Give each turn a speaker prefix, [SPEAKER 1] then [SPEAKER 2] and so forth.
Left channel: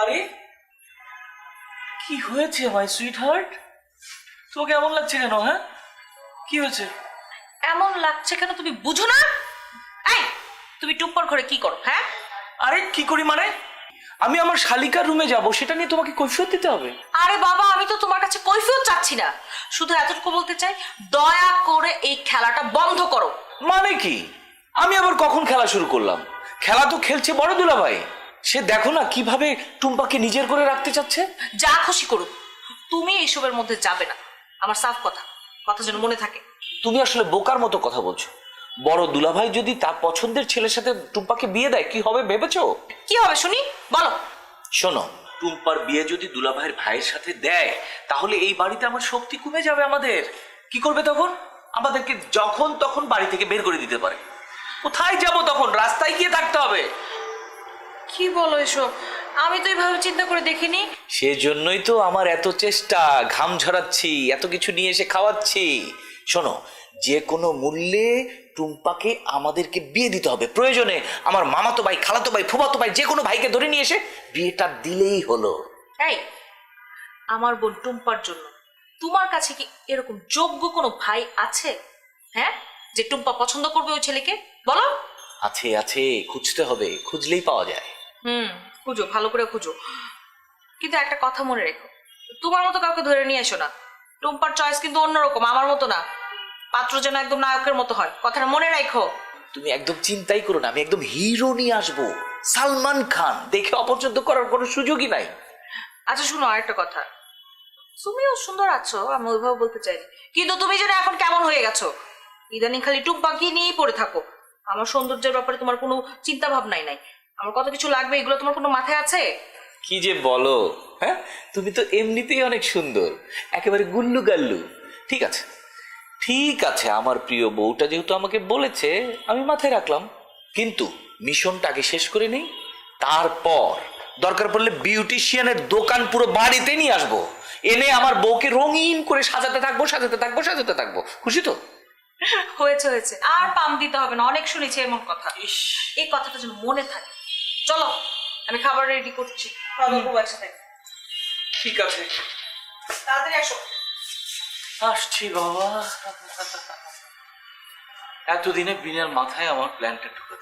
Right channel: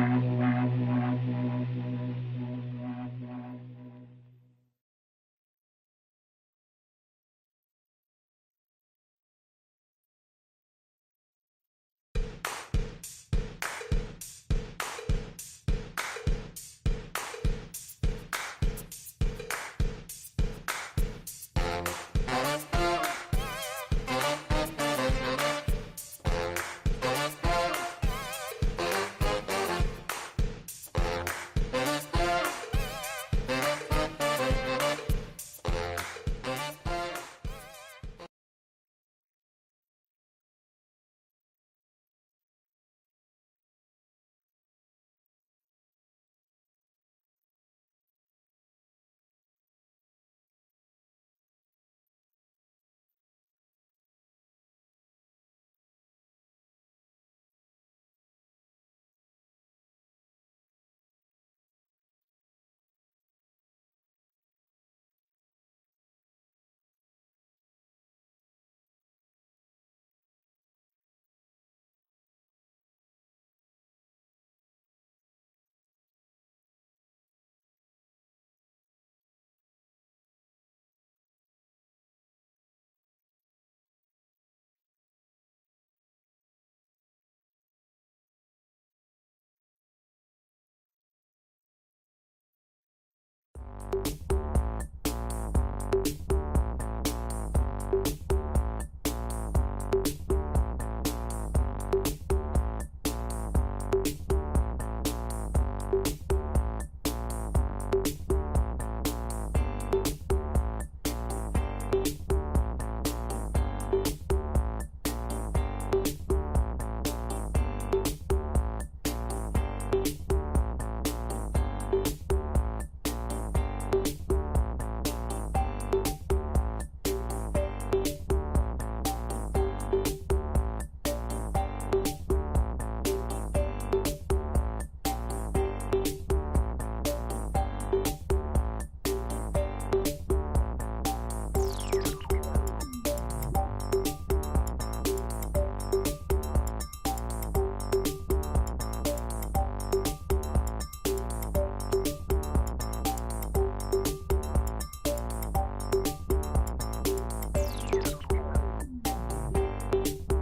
[SPEAKER 1] আরে কি হয়েছে মাই সুইট হার্ট তোমাকে এমন লাগছে কেন হ্যাঁ? কি হয়েছে?
[SPEAKER 2] এমন লাগছে কেন তুমি বুঝো না? এই তুমি টুম্পর ঘরে কি করো হ্যাঁ?
[SPEAKER 1] আরে কি করি মানে? আমি আমার শালিকার রুমে যাব সেটা নিয়ে তোমাকে কৈফিয়ত দিতে হবে?
[SPEAKER 2] আরে বাবা আমি তো তোমার কাছে কৈফিয়ত চাচ্ছি না। শুধু এতটুকু বলতে চাই দয়া করে এই খেলাটা বন্ধ করো।
[SPEAKER 1] মানে কি? আমি আবার কখন খেলা শুরু করলাম? খেলা তো খেলছে বড় দুলা ভাই সে দেখো না কীভাবে টুম্পাকে নিজের করে রাখতে চাচ্ছে?
[SPEAKER 2] যা খুশি করো তুমি এইসবের মধ্যে যাবে না। আমার সাফ কথা কথা যেন মনে থাকে।
[SPEAKER 1] তুমি আসলে বোকার মতো কথা বলছো। বড় দুলাভাই যদি তার পছন্দের ছেলের সাথে টুম্পাকে বিয়ে দেয় কি হবে ভেবেছো?
[SPEAKER 2] কি হবে শুনি? বলো।
[SPEAKER 1] শোনো টুম্পার বিয়ে যদি দুলাভাইয়ের ভাইয়ের সাথে দেয় তাহলে এই বাড়িতে আমার শক্তি কমে যাবে আমাদের। কি করবে তখন? আমাদেরকে যখন তখন বাড়ি থেকে বের করে দিতে পারে। কোথায় যাব তখন? রাস্তায় গিয়ে থাকতে হবে।
[SPEAKER 2] কি বলো এসব? আমি তো এইভাবে চিন্তা করে দেখিনি।
[SPEAKER 1] সেজন্যই তো আমার এত চেষ্টা ঘাম ঝরাচ্ছি এত কিছু নিয়ে এসে খাওয়াচ্ছি। শোনো যে কোনো মূল্যে টুম্পাকে আমাদেরকে বিয়ে দিতে হবে। প্রয়োজনে আমার মামাতো ভাই খালাতো ভাই ফুফাতো ভাই যে কোনো ভাইকে ধরে নিয়ে এসে বিয়েটা দিলেই হলো।
[SPEAKER 2] এই আমার বোন টুম্পার জন্য তোমার কাছে কি এরকম যোগ্য কোনো ভাই আছে? হ্যাঁ? যে টুম্পা পছন্দ করবে ওই ছেলেকে? বলো।
[SPEAKER 1] আছে আছে খুঁজতে হবে খুঁজলেই পাওয়া যায়।
[SPEAKER 2] হুম খুঁজো ভালো করে খুঁজো। কিন্তু একটা কথা মনে রেখো তোমার মতো কাউকে ধরে নিয়ে এসো না। টুম্পার চয়েস কিন্তু অন্যরকম আমার মতো না। পাত্র যেন একদম নায়কের মতো হয় কথাটা মনে রাখো।
[SPEAKER 1] তুমি একদম চিন্তাই করো না আমি একদম হিরো নিয়ে আসব। সালমান খান দেখে অপছন্দ করার কোনো সুযোগই নাই।
[SPEAKER 2] আচ্ছা শুনো আরেকটা কথা। তুমিও সুন্দর আছো আমি ওইভাবে বলতে চাই। কিন্তু তুমি যেন এখন কেমন হয়ে গেছো? ইদানিং খালি টুকপাকি নিয়েই পড়ে থাকো। আমার সৌন্দর্যের ব্যাপারে তোমার কোনো চিন্তা ভাবনাই নাই। আমার কত কিছু লাগবে? এগুলো তোমার কোনো মাথায় আছে?
[SPEAKER 1] কি যে বলো? হ্যাঁ? তুমি তো এমনিতেই অনেক সুন্দর। একেবারে গুল্লু গাল্লু ঠিক আছে। ঠিক আছে আমার প্রিয় বউটা যেহেতু আমাকে বলেছে আমি মাথায় রাখলাম। কিন্তু মিশনটা আগে শেষ করে নেই। তারপর দরকার পড়লে বিউটিশিয়ানের দোকান পুরো বাড়িতে নিয়ে আসব। এনে আমার বউকে রঙিন করে সাজাতে থাকব সাজাতে থাকব সাজাতে থাকব। খুশি তো?
[SPEAKER 2] হয়েছে হয়েছে। আর পাম দিতে হবে না। অনেক শুনেছি এমন কথা। এই কথাটা যেন মনে থাকে। চলো আমি খাবার রেডি করছি। খাওয়া দাওয়া করব একসাথে।
[SPEAKER 1] ঠিক আছে।
[SPEAKER 2] তাড়াতাড়ি আসো।
[SPEAKER 1] আসছি বাবা। এতদিনে বিনার মাথায় আমার প্ল্যানটা ঢুকে